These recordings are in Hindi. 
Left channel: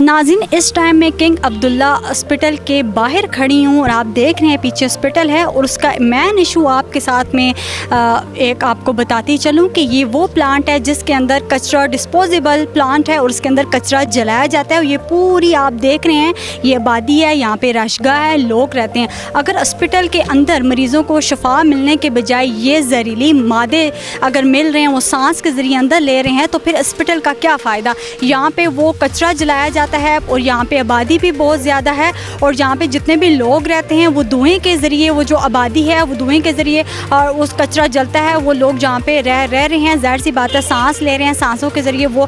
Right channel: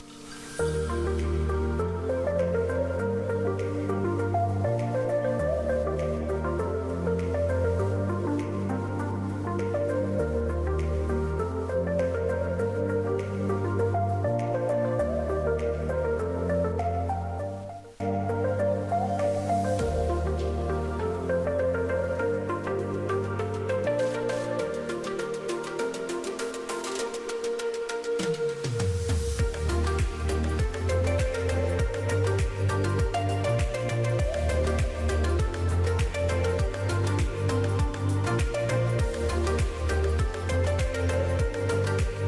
नाज़रीन, इस टाइम मैं किंग अब्दुल्ला हॉस्पिटल के बाहर खड़ी हूँ और आप देख रहे हैं पीछे हॉस्पिटल है और उसका मेन इशू आपके साथ में एक आपको बताती चलूँ कि ये वो प्लांट है जिसके अंदर कचरा डिस्पोजेबल प्लांट है और उसके अंदर कचरा जलाया जाता है। और ये पूरी आप देख रहे हैं ये आबादी है, यहाँ पे रशगाह है, लोग रहते हैं। अगर हॉस्पिटल के अंदर मरीज़ों को शफा मिलने के बजाय ये जहरीली मादे अगर मिल रहे हैं, वो सांस के ज़रिए अंदर ले रहे हैं, तो फिर हॉस्पिटल का क्या फ़ायदा। यहाँ पे वो कचरा जलाया जाता है और यहाँ पे आबादी भी बहुत ज़्यादा है और यहाँ पे जितने भी लोग रहते हैं वो धुएं के ज़रिए, वो जो आबादी है वो धुएं के ज़रिए और उस कचरा जलता है, वो लोग जहाँ पे रह रहे हैं, ज़ाहिर सी बात है सांस ले रहे हैं, सांसों के ज़रिए वो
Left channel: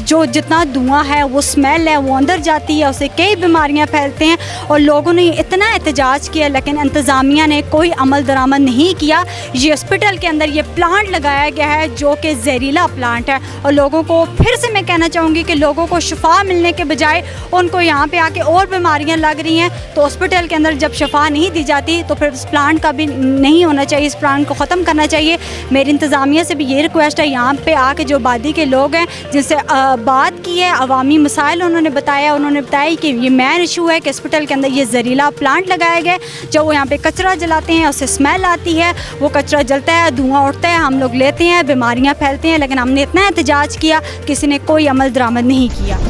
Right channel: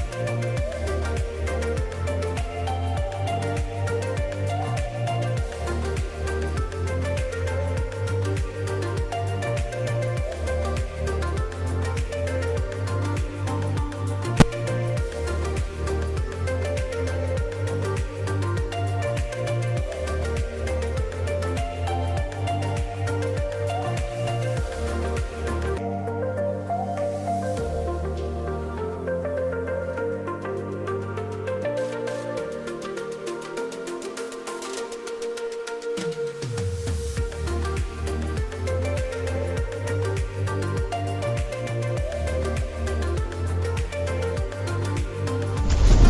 जो जितना धुआं है वो स्मेल है वो अंदर जाती है, उससे कई बीमारियाँ फैलते हैं। और लोगों ने इतना एहतजाज किया लेकिन इंतज़ामिया ने कोई अमल दरामद नहीं किया। ये हॉस्पिटल के अंदर ये प्लांट लगाया गया है जो कि जहरीला प्लांट है और लोगों को फिर से मैं कहना चाहूँगी कि लोगों को शफा मिलने के बजाय उनको यहाँ पे आके और बीमारियाँ लग रही हैं। तो हॉस्पिटल के अंदर जब शफा नहीं दी जाती तो फिर इस प्लांट का भी नहीं होना चाहिए, इस प्लांट को ख़त्म करना चाहिए। मेरी इंतज़ामिया से भी ये रिक्वेस्ट है, यहाँ पे आके जो आबादी के लोग हैं जिनसे बात की है, अवामी मसाइल उन्होंने बताया कि ये मेन इशू है कि हॉस्पिटल के अंदर ये जहरीला प्लांट लगाया गया। जब वो यहाँ पे कचरा जलाते हैं उससे स्मेल आती है, वो कचरा जलता है, धुआं उठता है, हम लोग लेते हैं, बीमारियाँ फैलती हैं। लेकिन हमने इतना एहतजाज किया, किसी ने कोई अमल दरामद नहीं किया।